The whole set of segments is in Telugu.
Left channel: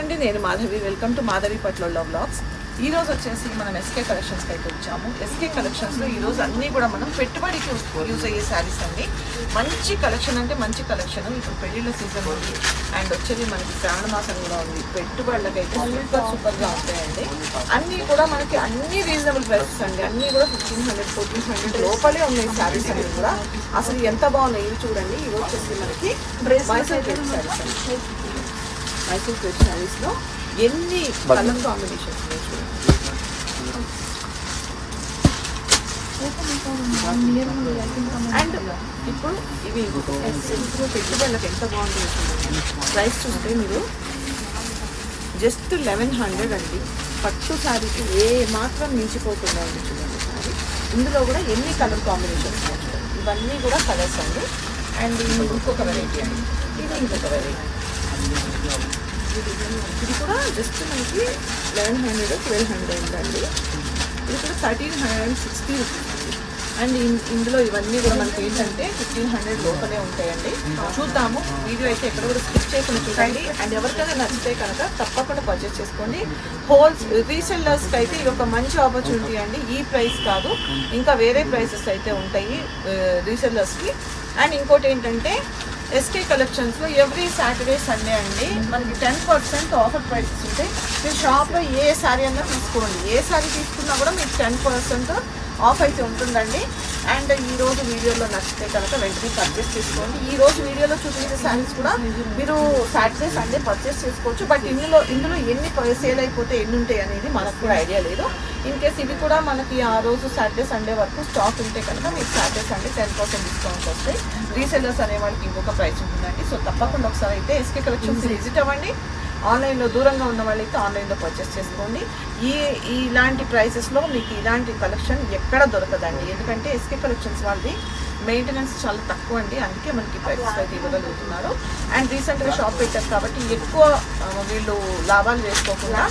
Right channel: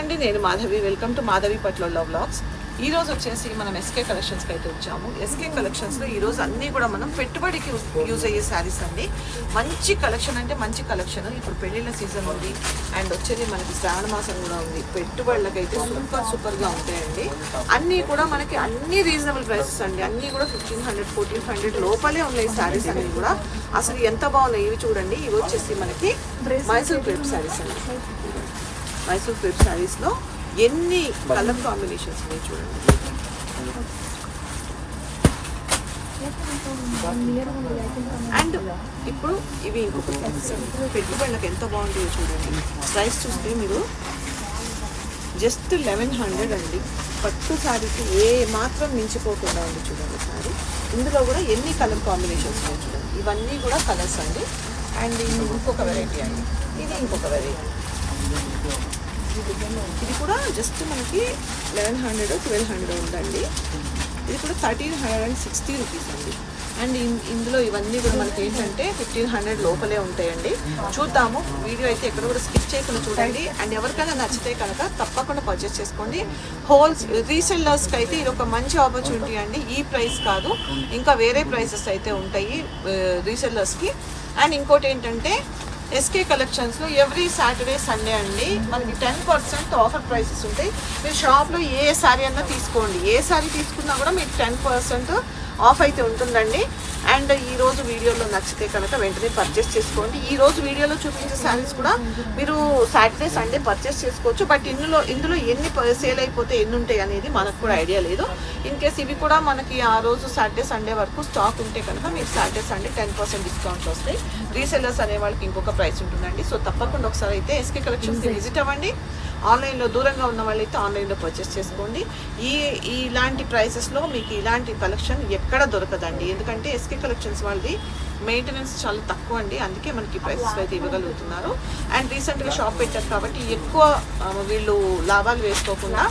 అండి నేను మాధవి. వెల్కమ్ టు మాధవి పట్లలో బ్లాగ్స్ ఈ రోజు వచ్చేసి మనం ఎస్కే కలెక్షన్స్కి అయితే వచ్చాము. ఎస్కే కలెక్షన్స్లో ఈరోజు అన్నీ కూడా మనం పెట్టుబడికి యూజ్ అయ్యే శారీస్ అండి. మంచి కలెక్షన్ అంటే మంచి కలెక్షన్ ఇప్పుడు పెళ్ళిళ్ళ సీజన్ ఉంది. అండ్ వచ్చేది మనకి శ్రావణ మాసం కూడా ఉంది. పెట్టుబడులకైతే సూపర్ సూపర్గా ఉంటాయండి. అన్నీ కూడా మనకి అన్ని రీజనబుల్ ప్రైసెస్ అండి. అన్నీ కూడా ఫిఫ్టీన్ హండ్రెడ్ ఫోర్టీన్ హండ్రెడ్ లోపలే ఉన్నాయి శారీస్ అనేది కూడా. అసలు ఎంత బాగున్నాయి ఇవి చూడండి. ఇవి వచ్చేసి మనకి మైసూర్ క్రేప్ శారీస్ అండి. మైసూర్ క్రేప్ శారీస్లో ఎన్ని కలర్ కాంబినేషన్స్ ఉన్నాయి చూడండి. అండ్ ఇప్పుడు ఇవి ఇంకొక పెట్టుబడులకు ఎంత బాగుంటుందో చూడండి. ప్రైస్ చూస్తే మీరు జస్ట్ లెవెన్ హండ్రెడ్ అండి. పట్టు శారీకి ఏ మాత్రం మించిపోకుండా ఉంది చూడండి శారీ. ఇందులో కూడా ఎన్ని కలర్ కాంబినేషన్స్ ఉన్నాయి చూడండి. ఇవన్నీ కూడా కలర్స్ అండి. అండ్ ఇంకొక వెరైటీ అండి. ఇది ఇంకొక వెరైటీ ఇది కూడా జస్ట్ మనకి లెవెన్ హండ్రెడ్ ట్వెల్వ్ హండ్రెడ్ ఉందండి. ఇది కూడా thirteen hundred and sixty rupees అండి అండ్ ఇందులో ఇవన్నీ కూడా మనకి ఏంటంటే ఫిఫ్టీన్ హండ్రెడ్ లోపలే ఉంటాయండి. చూద్దాము. వీడియో అయితే ఎక్కడ కూడా స్కిప్ చేయకుండా చూడండి. అండ్ ఎవరికైనా నచ్చితే కనుక తప్పకుండా పర్చేస్ చేసుకోండి. హోల్స్ రీసెల్లర్స్కి అయితే ఇది ఒక మంచి ఆపర్చునిటీ అండి. ఈ ప్రైస్ కాదు. ఇంకా వేరే ప్రైసెస్ అయితే ఉంటాయి రీసెల్లర్స్కి అండ్ ఇంకోటి ఏంటంటే ఎస్కే కలెక్షన్స్లో ఎవ్రీ సాటర్డే సండే అండి. మనకి టెన్ పర్సెంట్ ఆఫర్ ప్రైసెస్ ఉంటాయి. మీరు షాప్లో ఏ శారీ అన్నా తీసుకోండి. ఏ శారీ తీసుకున్నా కూడా మీకు టెన్ పర్సెంట్ ఆఫ్ అయితే ఉంటుందండి. అండ్ ఈ రోజు వీడియోలో నచ్చితే కనుక వెంటనే పర్చేస్ చేసుకోండి. ఈ రోజు వీడియోలో చూపించే శారీస్ కూడా మీరు సాటర్డే సండే పర్చేస్ చేసుకోవచ్చు. బట్ ఇందులో ఇందులో ఎన్ని సేల్ అయిపోతే ఎన్ని ఉంటాయి అనేది మనకు కూడా ఐడియా లేదు. ఇన్ కేస్ ఇవి కూడా మనకి ఆ రోజు సాటర్డే సండే వరకు స్టాక్ ఉంటే కనుక మీకు Saturday Sunday ten percent discount వస్తాయి. రీసెల్లర్స్ అనే వాళ్ళకి ఇంకొక ప్రైస్ ఉంటుందండి. సో తప్పకుండా ఒకసారి అయితే ఎస్కే కలెక్షన్స్ విజిట్ అవ్వండి. ఆన్లైన్లో దూరంగా ఉన్న వాళ్ళైతే ఆన్లైన్లో పర్చేస్ చేసుకోండి. ఈ ఇలాంటి ప్రైసెస్లో మీకు ఇలాంటి కలెక్షన్ ఎక్కడ దొరకదండి. ఎందుకంటే ఎస్కే కలెక్షన్స్ వాళ్ళది మెయింటెనెన్స్ చాలా తక్కువ అండి. అందుకే మనకి ప్రైసెస్ అయితే ఇవ్వగలుగుతున్నారు. అండ్ రీసెంట్గా షాప్ పెట్టారు కాబట్టి ఎక్కువ వీళ్ళు లాభాలు వేసుకోకుండా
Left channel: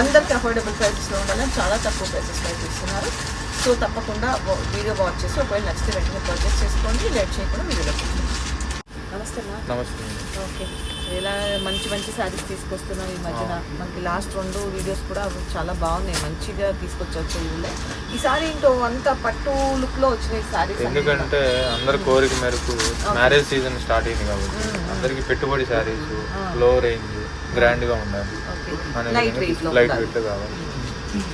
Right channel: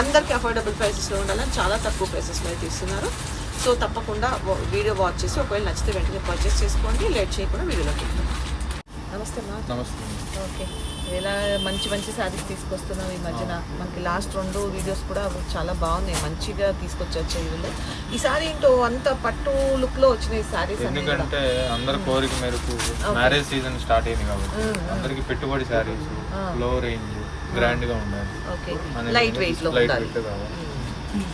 అందరికి అఫోర్డబుల్ ప్రైసెస్లో ఉండాలని చాలా తక్కువ ప్రైసెస్లో అయితే ఇస్తున్నారు. సో తప్పకుండా వీడియో వాచ్ చేసి ఒకవేళ నచ్చితే వెంటనే పర్చేస్ చేసుకోండి. లేట్ చేయకుండా వీడియోలోకి వెళ్దాం. నమస్తే నమస్తే. ఓకే. ఇలా మంచి మంచి శారీస్ తీసుకొస్తున్నాం ఈ మధ్యన. మనకి లాస్ట్ రెండు వీడియోస్ కూడా చాలా బాగున్నాయి. మంచిగా తీసుకొచ్చొచ్చు ఇవిలో ఈ సారీ ఏంటో అంత పట్టు లుక్లో వచ్చినాయి శారీస్ ఎందుకంటే అందరి కోరిక మేరకు మ్యారేజ్ సీజన్ స్టార్ట్ అయింది కాబట్టి అందరికి పెట్టుబడి శారీస్లో రేంజ్ గ్రాండ్గా ఉండాలి. లైట్ వెయిట్లో లైట్ ఉండాలి. వెయిట్ కావాలి.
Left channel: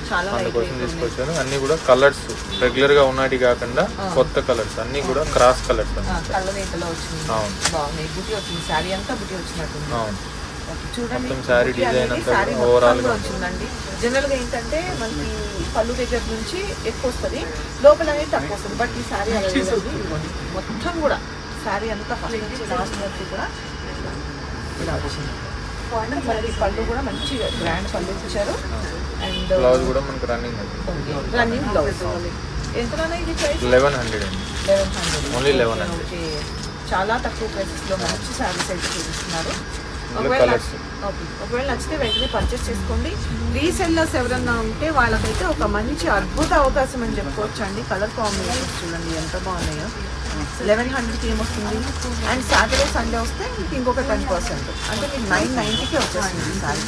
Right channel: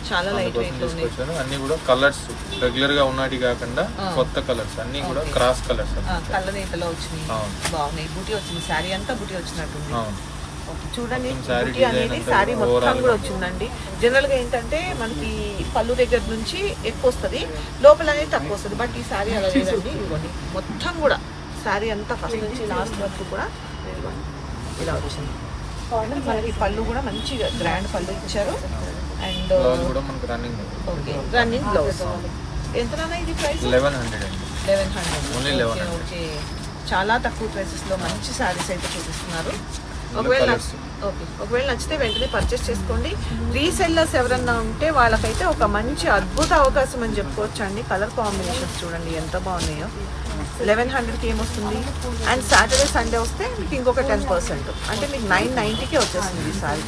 చాలా లైట్ వెయిట్ ఉన్నాయి. అన్ని కూడా కలర్స్ రెగ్యులర్గా ఉన్నటి కాకుండా కొత్త కలర్స్ అన్ని కూడా క్రాస్ కలర్స్ కళ్ళ నేతలో వచ్చినాయి. బాగున్నాయి. బుటీ వచ్చింది. శారీ అంతా బుటీ వచ్చినట్టుంది. చూడండి. అనేది శారీ మొత్తం కూడా వచ్చిందండి. జనరల్గా ఏంటంటే మనకి పళ్ళు దగ్గర నుంచి ఎక్కువ వస్తుంది. లోపల అనేది తక్కువ వస్తుంది. బట్ ఈ శారీ అలా లేదండి. ఇదిగోండి. మొత్తం కూడా శారీ అంతా ఫస్ట్ నుంచి లాస్ట్ వరకు కూడా మనకి పళ్ళు కూడా మంచిగా గ్రాండ్ పళ్ళు ఇచ్చారు. అండ్ ఓకే రన్నింగ్ బ్లౌజ్ ఎంతనా ఇది price eleven hundred eleven hundred okay 1100. Okay చాలా తక్కువ ప్రైసెస్లో మంచి శారీస్ అయితే చూపిస్తున్నారు. ఒకవేళ ఒకవేళ నచ్చితే వెంటనే పర్చేస్ చేసుకోండి. రీసెల్లర్స్ ఎవరన్నా ఉంటే వాళ్ళకైతే ఒక మంచి అద్భుత అవకాశం అని చెప్పుకోవచ్చు అండి కలర్ కాంబినేషన్స్ చూడండి ఎంత బాగున్నాయో. లెవెన్ హండ్రెడ్ థీమ్ వస్తుంది అండ్ సాటర్డే సండే వస్తే మీకు ఇంకొక టెన్ పర్సెంట్ అంటే మీకు నైన్ నైంటీకే వచ్చేస్తుంది sorry.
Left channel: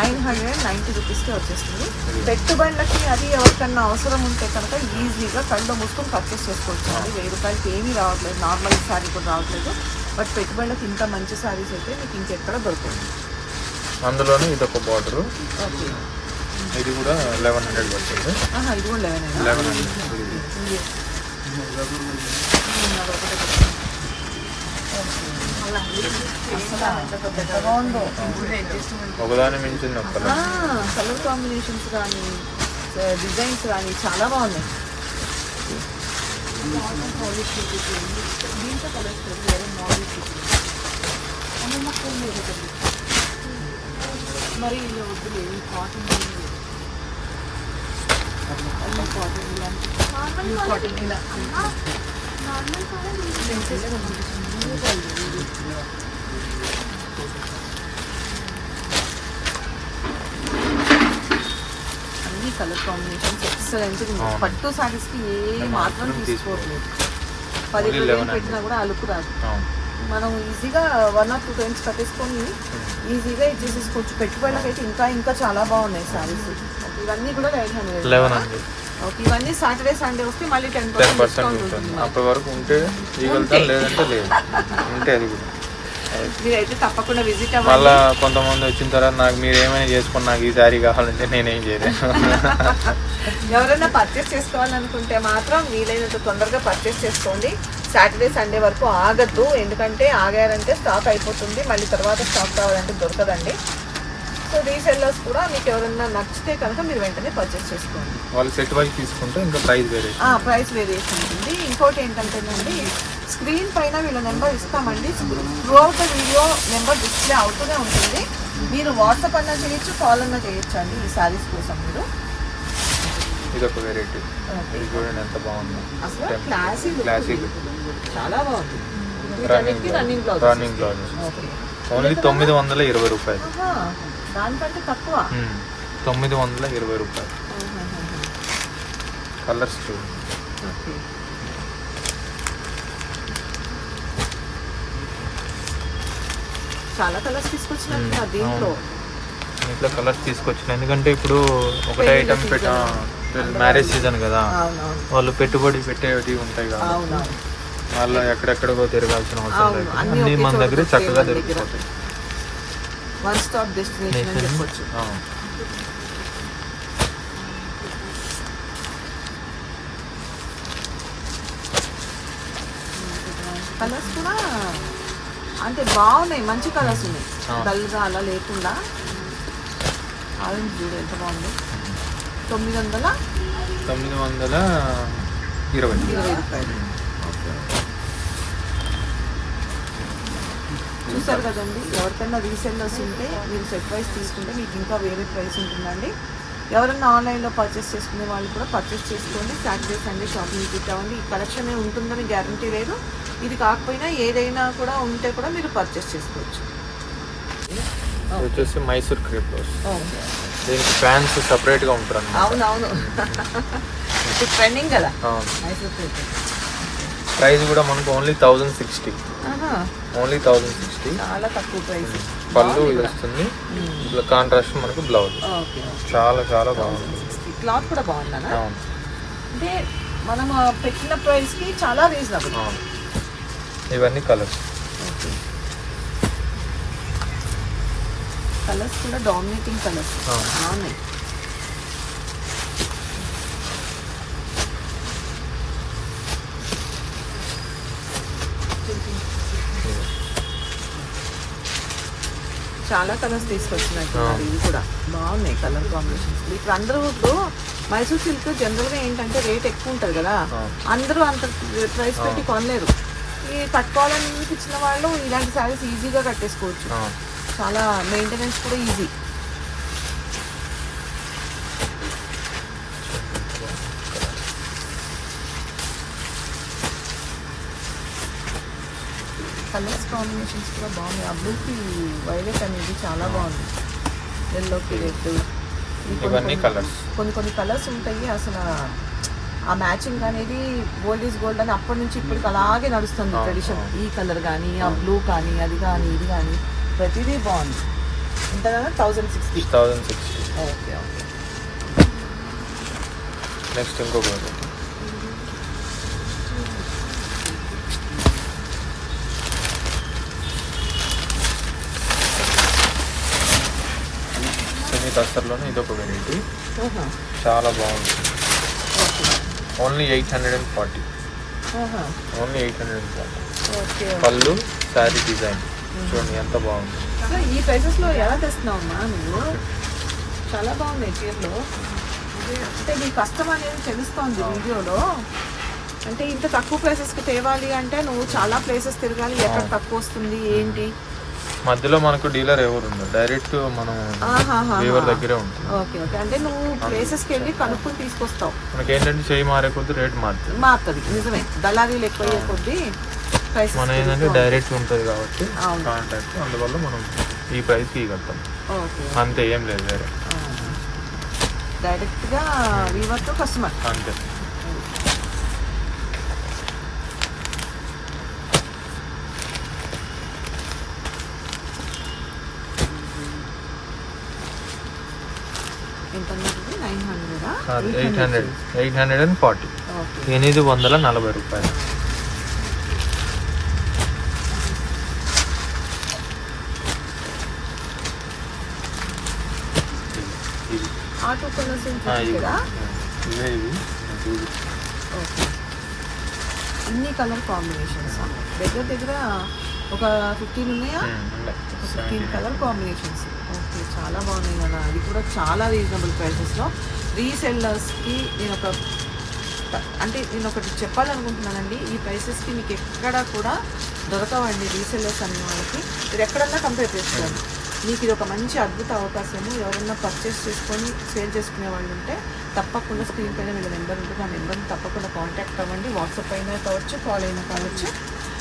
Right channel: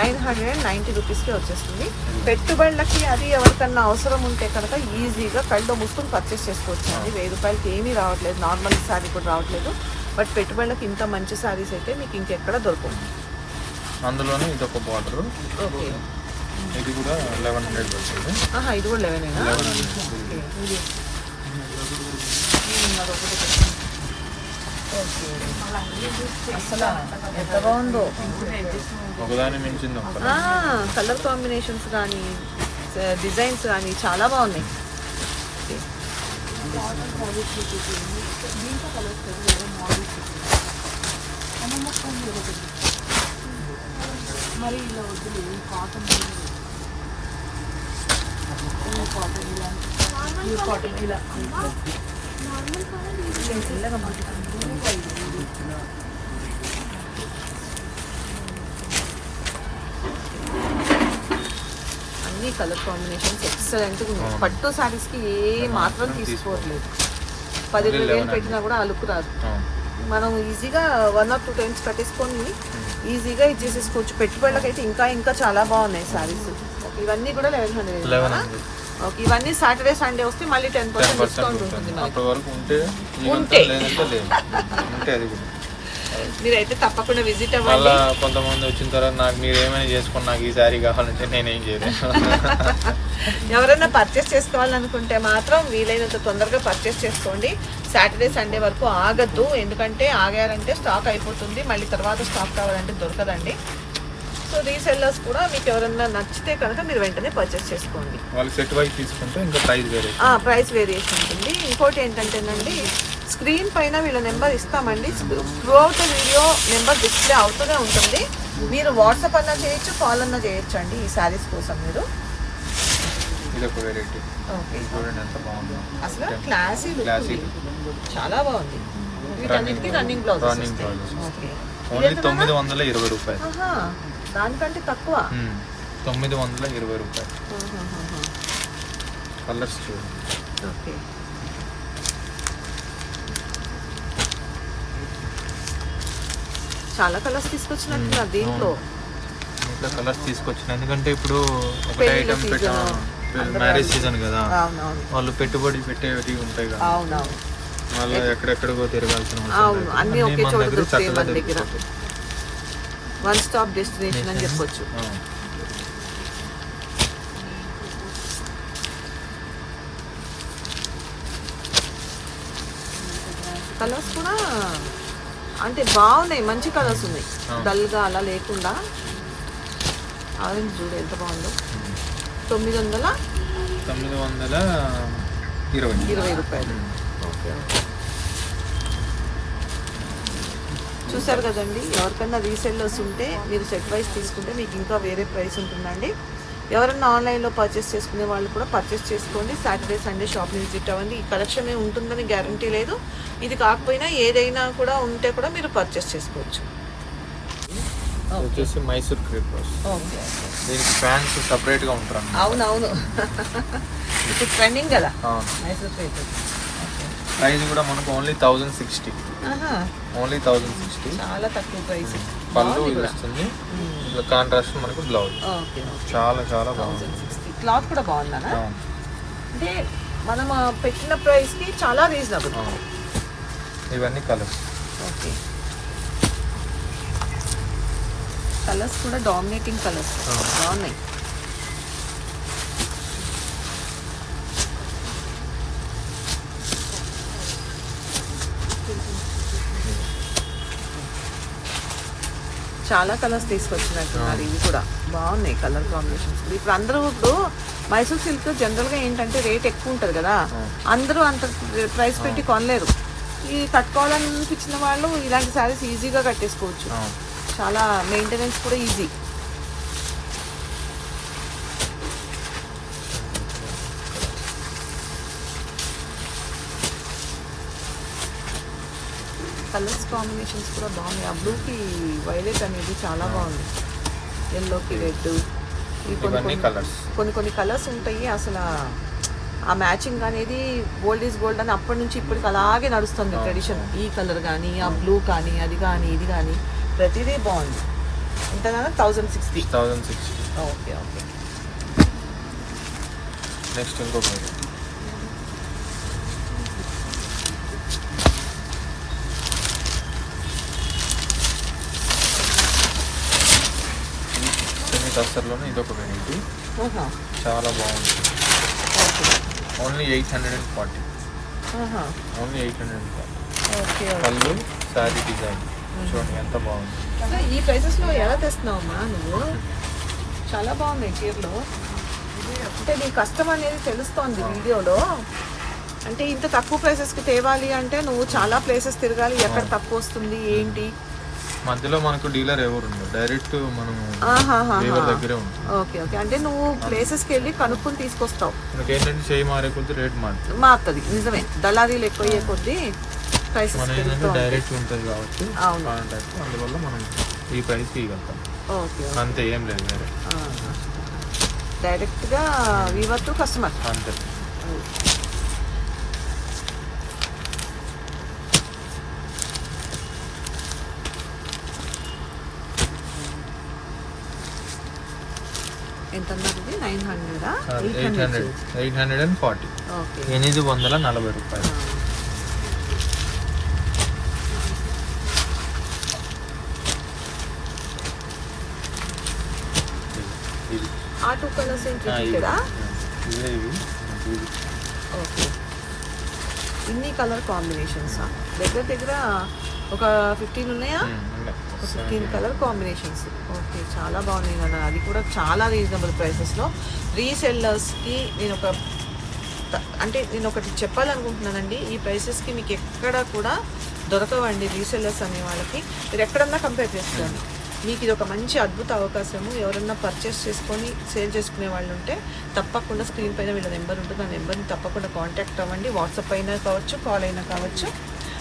Nine hundred and ninety రూపీస్కే వచ్చేస్తుంది. పెట్టుబడులకి అది ఎవరికన్నా అవసరం ఉంటే కనుక ఈజీగా కళ్ళు మూసుకొని పర్చేస్ చేసుకోవచ్చు. అండి వెయ్యి రూపాయలకి ఏమీ రావట్లేదు. నార్మల్ శారీ కూడా రావట్లేదు. బట్ పెట్టుబడులకు ఇంత మంచి శారీస్ అయితే మీకు ఇంకెక్కడ దొరుకుతుంది అందులోనే ఇది ఒక బార్డర్ ఓకే. ఇది కూడా లెవెన్ హండ్రెడ్ వస్తుంది ఆహా ఇది కూడా లెవెన్ హండ్రెడ్ బాగుందో ఒకదాని మించింది. కలర్ కాంబినేషన్స్ కానీ డిజైన్స్ కానీ చాలా బాగున్నాయి. మరి ఇలా వద్దులే కాటన్ కాటన్ కాటన్ ఇలా అన్ని కలర్ కాంబినేషన్స్ ఎక్సలెంట్ అవును. పట్టు సారీస్కి ఏ మాత్రం తీసుకోవట్లేదు పది Only రూపాయలు 1100. పెట్టినా కూడా అలుపు రాదు. మనం ఈజీగా వన్ ఆర్ టూ టైమ్స్ కట్టేసుకొని ఈజీగా ఇచ్చేసేసుకోవచ్చు పెట్టుబడులకైతే ఇంకా ఇంకా చాలా బాగున్నాయి సారీస్ ఇవన్నీ కూడా లెవెన్ హండ్రెడ్. ఓకే ఇవన్నీ సాటర్డే సండే వస్తే మళ్ళీ టెన్ పర్సెంట్ డిస్కౌంట్ ఉంటుంది. మనకి. ఉంటే మీరైతే తప్పకుండా విజిట్ అవ్వండి. కొంతమంది వచ్చిన తర్వాత నాకు మీరు ఏమైనా చేసుకుని నాకు ఈ శారీ కావాలంటే నేనేం చేయలేదు ఎవరైనా పర్చేస్ చేసుకోవాలనుకుంటే మాత్రం వీలైనంత తొందరగా పర్చేస్ చేసుకోండి. సాటర్డే సండే వరకు ఆగద్దు. ఎందుకంటే ఆగారంటే స్టాక్ అయిపోతుంది. మళ్ళీ తర్వాత స్టాక్ కావాలంటే దొరకదండి. సో రీసెల్లర్స్ కూడా మీకు ఎవరైనా నచ్చితే కనుక మీరు వెంటనే పర్చేస్ చేసుకోండి. వాళ్ళు సెట్ వైజ్ తీసుకుంటే ఇంకా ప్రైస్ వేరే. ప్రైస్ వేరియేషన్ ఉంటుంది. ఇంకోటి ఏంటంటేనండి స్క్రీన్ పైన వీళ్ళ నెంబర్ ఇస్తామండి. Throughout the video number display అవుతూనే ఉంటుంది. మీరు వాట్సాప్ అన్నా చేయొచ్చు కాల్ అన్నా చేయొచ్చు అండి ఈ శారీస్ కోసం మీరు. ఇది ఒక వెరైటీ ఓకే. ఇది చూడండి ఎంత బాగుంది. అసలు క్లాసీ లుక్ Classy ఉంది. చాలా బాగుంది. వీటన్నిటికీ running blouse running blouse only తొమ్మిది వందల ఇరవై రూపాయలు. దానికంటే తక్కువ. మ్మ్. తొమ్మిది వందల ఇరవై రూపాయలు. కలర్స్ చూడండి. చాలా కలర్స్ తీసుకొచ్చినట్టున్నారు దీంట్లో. ఇట్లా కలర్స్ తీసుకొచ్చిన. ఎందుకంటే ఇప్పుడు ఒకటే ఐటమ్ పెట్ట. మ్యారేజ్ సీజన్ కదా. వాళ్ళు పెట్టుబడి పెట్టేవి ఉంటాయి కదా. మళ్ళీ ఎక్కడెక్కడికో తిరగాల్సిన అవసరం అన్నీ మన దగ్గర చక్కగా. దొరికిపోతాయి. వన్ స్టాప్ డెస్టినేషన్ అని చెప్పొచ్చు. ఆ. కలర్స్ కూడా అంటే బాగున్నాయి మంచి కలర్స్ ఉన్నాయి. డల్గా అలా లేకుండా. ఆరెంజ్ చూడు ఎంత బాగుంది. తొమ్మిది వందల తొమ్మిది వందల ఇరవై. ఇరవై రూపాయలు. చూసారు కదండి ఎవరికైనా రీసెల్లర్స్ ఉంటే మీరు సెట్ వైస్ తీసుకుంటే మీకు ఇంకా వేరే ప్రైస్ ఉంటుందండి. ఎవరైనా ఆన్లైన్లో పర్చేస్ చేసుకునే వాళ్ళు కూడా పర్చేస్ చేసుకోండి. సాటర్డే సండే షాపింగ్ విజిట్ అవ్వండి. ఈ కలెక్షన్ ఉంటుందని గ్యారంటీ లేదు. ఇది కాకపోయినా ఏదైనా కూడా ఉంటే కూడా మీరు పర్చేస్ చేసుకోవచ్చు. Mysore crepe okay. దీనికి ఫ్యాన్స్ సపరేట్గా ఉంటారు అవునవును. ఇప్పుడు ట్రెండింగ్ కదా? మైసూర్ ప్రైస్ కూడా మనకు only thousand sixty only thousand sixty చాలా తక్కువ ప్రైస్ పళ్ళు బాగుంది వస్తుంది. ఇట్లా కాంట్రాస్ట్ మనకు బ్లౌజ్ ఓకే చాలా చాలా బాగుంది. థౌజండ్ సిక్స్టీ క్లాత్ కూడా అవును. అంటే మనం పెట్టిన ప్రైస్కి చాలా రీజనబుల్. ఇవన్నీ కలర్స్ ఓకే కలర్స్ కూడా డామినేటింగ్ కలర్స్. బాగున్నాయి. చాలా కలర్స్ తీసుకొచ్చినట్టున్నారు ఇవి కూడా. బాగున్నాయి కలర్ కాంబినేషన్స్ ఇప్పుడు అందరూ ఇప్పుడు మైసూర్ సిల్క్ జనరల్గా ఏంటంటే రేట్ ఎక్కువ ఉంటుంది కదా. అందరూ అంత ప్రైస్ పెట్టి కొనలేరు. ఈ తక్కువలో ఇచ్చిన వాళ్ళు ఇలాంటి శారీస్ ఈజీగా కట్టేసుకోవచ్చు. చాలా మెయింటెనెన్స్ కూడా ఈజీ కలర్స్ కాంబినేషన్స్ కూడా బాగున్నాయి. ఆ బ్లూకి వైలెట్ అనేది చాలా బాగుంది. ఎల్లోకి రెడ్ ఇవన్నీ కలర్స్ కొన్ని కొన్ని కలర్స్ ఉంటాయి. అసలు ఆ- మ్యాచింగ్ అనేది గోల్డ్ ఈజ్ గోల్డ్ అని అప్పటి నుంచి ఇప్పటికి అలాగే నడుస్తుంది ట్రెడిషన్. ఈ కలర్ కానీ ఆ బ్లూ కానీ అది కానీ ఇది కానీ. ప్రతిదీ బాగుంది. ఎంత thousand sixty thousand sixty okay okay next ఇంకొక సెమీ కస్టర్లోనే ఇదొక వెరైటీ ఆహా, చాలా బాగుంది. Okay only eight hundred and forty only eight hundred and forty పళ్ళు శారీ డిజైన్ చూడండి ఎంత బాగుంది. సో ఈ ప్రైసెస్లో ఎలా తెస్తున్నావు అమ్మా నువ్వు? చాలా బాగున్నాయి చీరలు. అంటే నీ కష్టం అనేది తెలుస్తోంది వీడియోలో. అంటే ఇంత తక్కువ ప్రైసెస్కి తేవాలి అంటే నువ్వు చాలా ప్లేసెస్ తిరగాలి ఎక్కడ తక్కువ వస్తుంది ఏంటి? మధ్యలో మనకు డీలర్ ఎవరు డైరెక్ట్ మనం దగ్గరే ఉంటుంది. Okay okay. అంటే నువ్వు ప్లేసెస్కి వెళ్ళి కనుక్కొని తీసుకొస్తావు. మనకి ఏంటంటే చేయి మారే కొద్ది రేట్ మారుతుంది. మారుతుంది. నిజమే. దళారీలు ఎక్కువ అయ్యే కొద్దీ మన ఏంటంటే డైరెక్ట్ ఉంటుంది కాబట్టి కాంటాక్ట్ అందువల్ల మనం ఈ ప్రైస్కి ఇవ్వగలుగుతాం. అంతే ఏం లేదు వేరే. డైరెక్ట్గా వీవర్ టు కస్టమర్ అంతే. Eight hundred. Eight hundred. And forty. ఎనిమిది వందల నలభై రూపాయలు. టూ కలర్స్ ఇన్ని కలర్ కాంబినేషన్స్. దగ్గర దగ్గర ఒక ఫిఫ్టీన్ ఉన్నాయా. ఫిఫ్టీన్ 17. Colour combinations. ఓకే చాలా బాగుంది కదా. అది కూడా చాలా రీజనబుల్ ప్రైసెస్లో. రీసెల్లర్స్కి నేను ఒక అంటే నేను ఒకటి చెప్పాలనుకుంటున్నానండి. ఈ ప్రైసెస్కి మీకు ఎక్కడ కూడా దొరకవండి రీసెల్లర్స్ అనే వాళ్ళకి. మీరు ఎక్కడన్నా కంపేర్ చేసుకోండి. మీకు ఇది ఒక మంచి అద్భుత అవకాశము. ఎవరన్నా పర్చేస్ చేసుకొని సేల్ చేసుకునే వాళ్ళు ఉంటే తప్పకుండా స్క్రీన్ పైన వీళ్ళ నెంబర్ ఉంటుంది. ఆ నెంబర్ని తప్పకుండా కాంటాక్ట్ అవ్వండి. వాట్సాప్ అయినా కావచ్చు కాల్ అయినా కావచ్చు.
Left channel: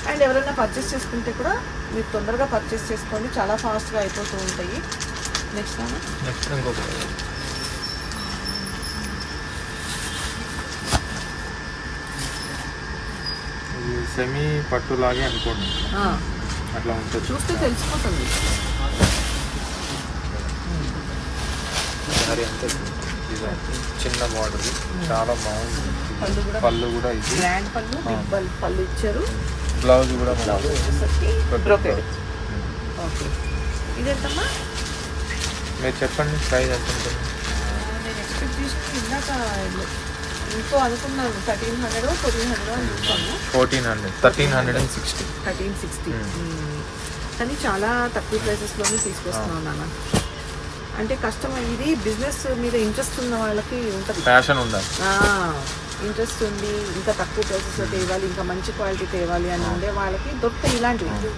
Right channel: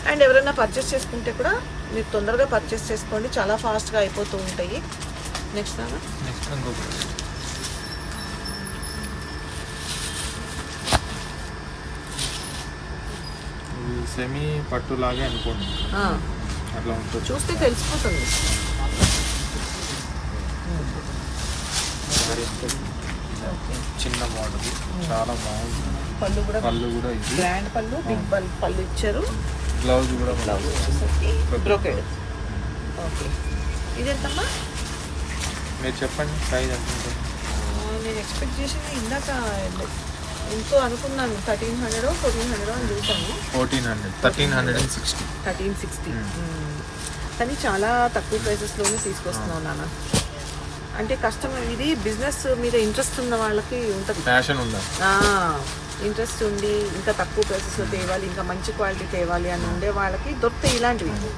అండ్ ఎవరైనా పర్చేస్ చేసుకుంటే కూడా మీరు తొందరగా పర్చేస్ చేసుకోండి. చాలా ఫాస్ట్గా అయిపోతూ ఉంటాయి. నెక్స్ట్ సెమీ పట్టులాగే అనుకోండి. అట్లా ఉంటుంది. చూస్తే తెలిసిపోతుంది. మరి ఎంత చిన్న బాడీ చాలా బాగుంది. పళ్ళు కూడా పళ్ళు కూడా ఇది. గ్రాండ్ పళ్ళు పళ్ళు ఇచ్చారు. బ్లౌజ్ కూడా బ్లౌజ్ వచ్చేసరికి బ్రోకెడ్ ఓకే. ఇదెంతమ్మా? మీరు చెప్పండి ప్రైస్ ఎంత నేను ఎక్స్పెక్ట్ చేసింది ఇందాక ఎంతో అనుకున్నాను థర్టీన్ హండ్రెడ్ ఫోర్టీన్ హండ్రెడ్ అని చూసాను fourteen hundred thirteen hundred and sixty thirteen sixty. కానీ చాలా తక్కువ ప్రైసెస్లోనే తీసుకొస్తున్నాను నాన్న. అంటే కస్టమర్ ఇది బిజినెస్ మీద ఇంట్రెస్ట్ ఉన్న వాళ్ళకి ఉంటుంది ఉందా? ఇంట్రెస్ట్ ఉంది ఇంకా తక్కువ ప్రైసెస్లో తేవాలి ఇంకా మంచి క్వాలిటీ తేవాలి అని ఉండే వాళ్ళకి దొరుకుతాయి ఇలాంటివి.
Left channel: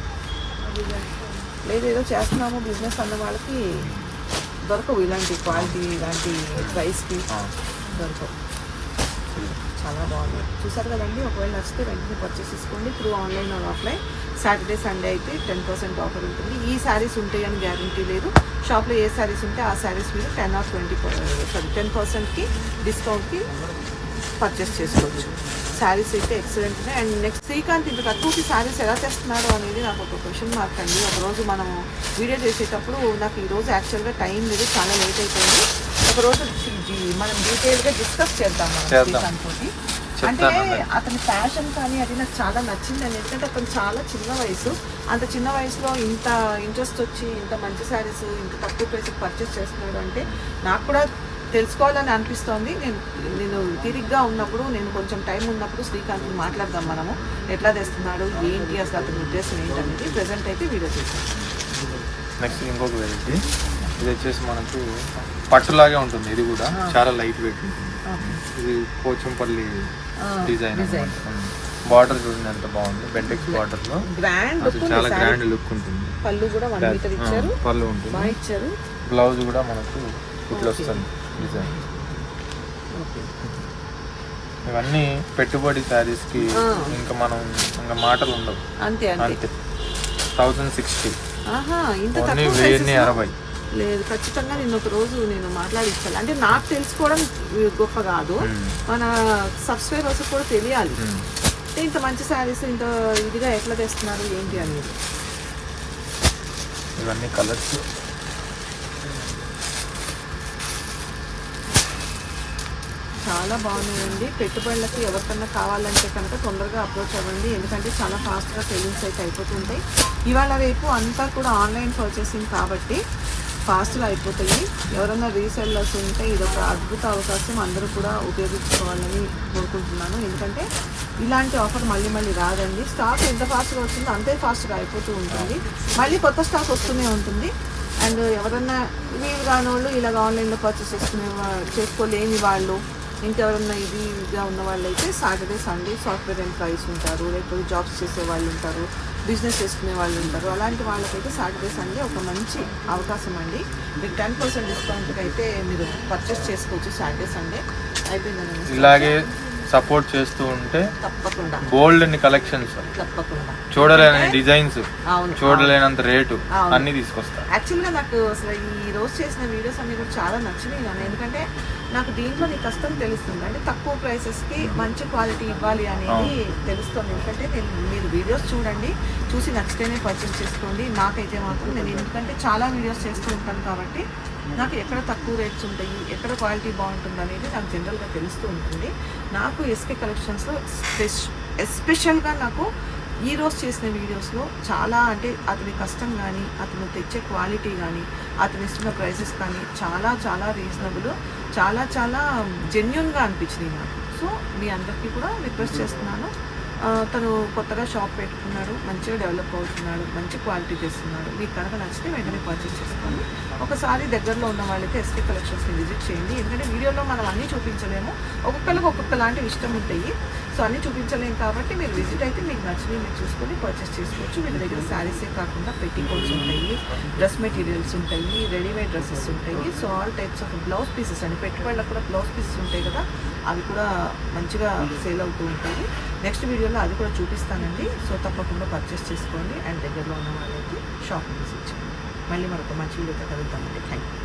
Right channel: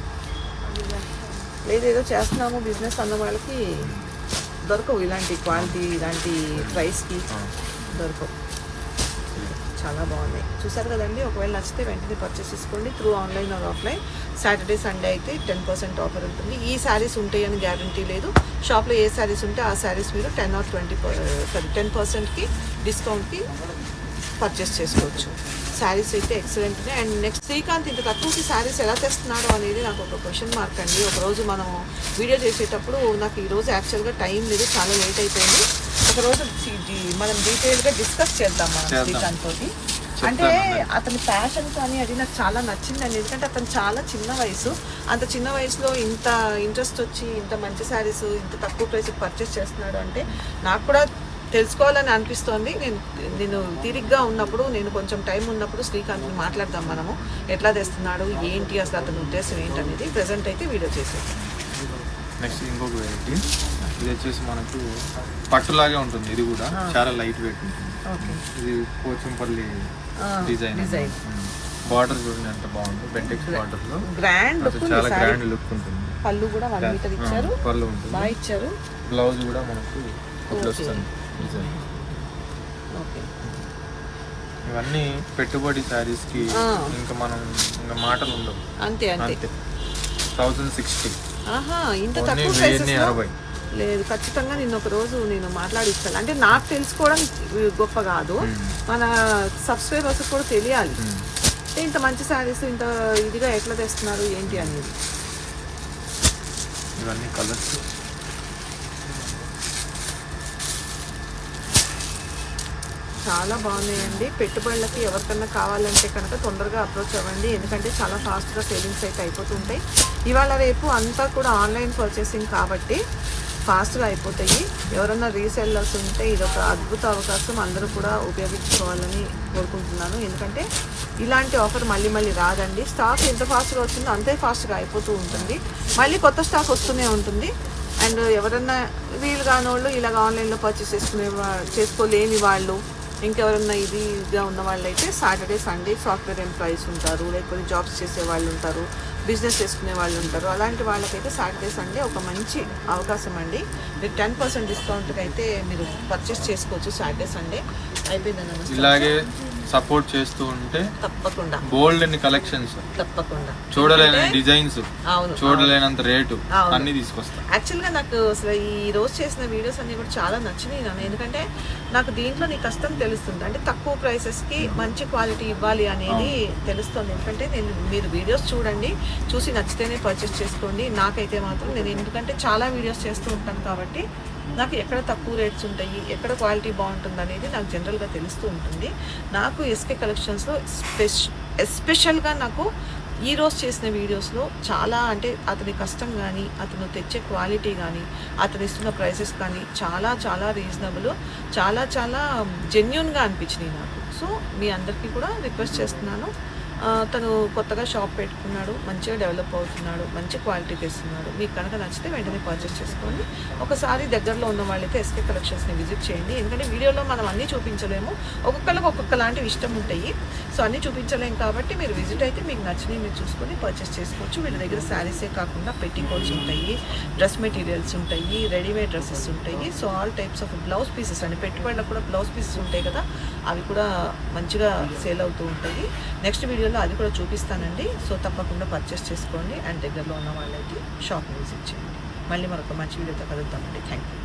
లేదు ఏదో చేస్తున్నాము బిజినెస్ అన్న వాళ్ళకి దొరకవు ఇలాంటి క్వాలిటీ ఇలాంటి ప్రైస్కి దొరకవు. బాగుంది. చూసారు కదండి? ఒకవేళ నచ్చితే వెంటనే పర్చేస్ చేసుకోండి. Through online or offline Saturday Sunday అయితే టెన్ పర్సెంట్ ఆఫర్ ఉంటుంది. ఈ శారీస్ ఉంటాయని గ్యారంటీ లేదు. షాప్లో ఏ శారీస్ ఉంటే ఆ శారీస్ మీద ten or twenty sorry ten పర్సెంట్కి డిస్కౌంట్కి పర్చేస్ చేసుకోవచ్చు. శారీస్ అయితే ఎక్సలెంట్ ఉన్నాయి. అండ్ నెక్స్ట్ శ్రీకాంత్ ఇంత తక్కువకి శారీస్ ఎలా తెస్తున్నాడో అనేది నాకు ఒక క్వశ్చన్ మార్క్ అండి. ఒకరోజు మనం వీడియో చేసేటప్పుడు నాకు ఈరోజు యాక్చువల్గా టైం లేదు. చాలా లేట్ అయిపోయింది. ఒకరోజు మనం డీటెయిల్గా డిస్కస్ చేద్దాం మనం. శ్రీకాంత్ తోటి అంటే అతని ఫ్యాషన్ కానీ అది నాకు చాలా నచ్చిందండి. ఎందుకంటే అతను చాలా చిన్న వయసు. అంత చిన్న వయసులో ఇంత ఇంట్రెస్ట్ వచ్చి ఇంత మంచి శారీస్ ఇంత తక్కువ ప్రైస్కి పర్చేస్ చేస్తున్నాడు అంటే నాకు కూడా తెలుసుకోవాలని అనిపిస్తోంది. నేను నేను తీరిగ్గా ఉన్నప్పుడు నేను కొంచెం టైం ఉన్నప్పుడు శ్రీకాంత్ని మాట్లాడదాం మనము. ఎట్లా తెస్తున్నాడు? ఏంటి అసలు అతని ఉద్దేశం ఏంటనేది ప్రజెంట్ అయితే వీడియో చేసాను నెక్స్ట్ ఇంకొక వెరైటీ. ఇది వచ్చేసి మనకు పట్టులాగే ఉంటుంది. ఇది కూడా చాలా లైట్ వెయిట్ ఉంటుంది ఇది పోచంపల్లి డిజైన్ డిజైన్. బార్డర్ చూడండి బాగుంది బెంటెక్స్ బార్డర్లో గ్రాండ్ చాలా గ్రాండ్ లుక్ ఉంటుంది. పళ్ళు కూడా వన్ మీటర్ ఇచ్చారు. పళ్ళు ఉంటుంది. బాగా ఇచ్చారు. బ్లౌజ్ కూడా మనకు వస్తుంది డిజైన్. ఓకే. ఇవన్నీ పెట్టుబడి శారీస్కి. ఇంకా మనం ఇంకా మాటలు ఉండవు. అంతే అంతే. Thousand sixty. ఆహా ఇంత తక్కువ ప్రైసెస్ యాభై లేదు ఖచ్చితంగా నిన్న ఒక రోజు నేను మాట్లాడించాలి అంటే నాకు తెలుసుకోవడం గొప్ప కాదు. మన సబ్స్క్రైబర్స్ కూడా తెలియాలి. ఇంత మంచి శారీస్ ఇంత ఇదిగా ఎట్లా తెస్తున్నారు ఏంటి అనేది. ఇవన్నీ కలర్స్ చాలా బాగున్నాయండి. పెట్టుబడులకి ఎవరికన్నా కావాలంటే కనుక తొందరగా అప్రోచ్ అవ్వండి. ఎందుకంటే చాలా ఫాస్ట్గా సేవింగ్స్ అయితే అయిపోతుంటాయి. ఇవాళ రేపు అంతా కూడా ఆన్లైన్ పర్చేసింగ్ కాబట్టి ఫాస్ట్గా అయిపోతాయి. ఎవరైనా రీసెల్లర్స్ ఉంటే ఇది ఒక అద్భుత అవకాశం అందరూ కూడా ఉపయోగించుకోవాలని కోరుకుంటున్నాను. ఎందుకంటే ఇలాంటి ఆఫర్ మళ్ళీ మళ్ళీ రాదండి. స్టాక్ ఎంత ఫాస్ట్గా వస్తుందో అంతే ఫాస్ట్గా అయిపోతూ ఉంటుంది. మళ్ళీ కొత్త స్టాక్ వస్తూనే ఉంటుంది. అండ్ ఎవరన్నా వీలు కాని వాళ్ళు ఇలాగ ఆన్లైన్లో పర్చేస్ చేసుకునే చేసుకోలేని వాళ్ళు ఇంకెవరన్నా ఇదిగా ఉన్న వాళ్ళు అయితే సాటర్డే సండే సాఫ్ట్వేర్ ఎంప్లాయీస్ ఉంటారు. లేకపోతే జాబ్స్ చేసే వాళ్ళు ఉంటారు. బిజినెస్ చేసుకునే వాళ్ళు ఉంటారు. అలాంటి వాళ్ళకైతే సాటర్డే సండే ఒక మంచి అవకాశం అండి. మీరు టెన్ పర్సెంట్ డిస్కౌంట్కి అయితే మీరు పర్చేస్ చేసుకోవచ్చు సాటర్డే సండే. అయిపోయిందని ఇలాగే సపోర్ట్ చేస్తూ ఉంటే తప్పకుండా. బోల్డ్ అన్ని కలెక్షన్స్. తప్పకుండా. చూడలేని డిజైన్స్ చూడలేనంత రేటు. అన్ని తీసుకొస్తా. యాక్చువల్గా నాకు అసలు ఈ రోజు చేసిన వీడియోస్ అన్ని కూడా చాలా నచ్చినాయి నాన్న. ఎందుకంటే నాకు దీంట్లో నీ కష్టం తెలుస్తుంది. అంటే తక్కువ ప్రైసెస్కి మంచి క్వాలిటీ ఇవ్వాలి అనేది తెలుస్తుంది. ఎందుకంటే నేను మీరు వీడియోస్ చూడండి చూసి నచ్చితేనే పర్చేస్ చేసుకోండి. నాకైతే మాత్రం నేను ఎందుకంటే చాలా వీడియోస్ చేస్తూ ఉంటాను కాబట్టి నాకు ఎక్కడ తక్కువ రేట్స్ ఉంటాయి ఎక్కడ క్వాలిటీ బాగుంటుంది అనేది నాకు జనరల్గా తెలుస్తూ ఉంటుంది. నాకు ఎస్కే కలెక్షన్స్లో స్పెష్ ఎస్పెషల్గా నాకు ఈ రోజు చేసిన వీడియోస్లో చాలా అంటే అతని కష్టం కానీ అతను తెచ్చే క్వాలిటీ కానీ అతను ఇస్తున్న ప్రైసెస్ కానీ చాలా చాలా రీజనబుల్ చాలా చాలా జెన్యున్గా అనిపించినాయి నాకు. సో మీ అందరికీ కూడా రిక్వెస్ట్ చేస్తున్నాను. తను కొత్తగా షాప్ పెట్టుకున్నాడు మంచిగా డెవలప్ అవుతున్నాడు మంచి క్వాలిటీ తెస్తున్నాడు. మీకు కనుక నచ్చితే వెంటనే పర్చేస్ చేసుకోండి. ఒకసారి దగ్గరలో ఉన్న వాళ్ళైతే ఎస్కే కలెక్షన్స్ని విజిట్ చేయండి. ఎందుకంటే వీడియోలో మనం అన్నీ చూపించలేము. ఒక్కొక్కరికి ఒక్కొక్క లాంటివి ఇష్టం ఉంటాయి. సో అన్నీ చూపించలేము కాబట్టి మీరు విజిట్ అయితే మీకు నచ్చినవి మీరు చూసుకొని పర్చేస్ చేసుకోవచ్చు. వీళ్ళ దగ్గర శారీసే కాకుండా పెట్టికోట్స్ ఉంటాయి డ్రెస్ మెటీరియల్స్ ఉంటాయి రెడీమేడ్ డ్రెస్సెస్ ఉంటాయి. So all types of blouse pieces అండి. పెట్టుబడులకు కూడా బ్లౌజ్ పీసెస్ ఉంటాయి కదా అవి కూడా మంచిగా సేల్ అవుతూ ఉంటాయి. నెక్స్ట్ వీడియోలో అది కూడా చూపిస్తానండి. సో తప్పకుండా పర్చేస్ చేసుకోండి. అండ్ దగ్గరలో ఉన్న వాళ్ళైతే షాప్ విజిట్ చేయండి. మళ్ళీ మరొక మంచి వీడియోతో కలుద్దామండి. Thank you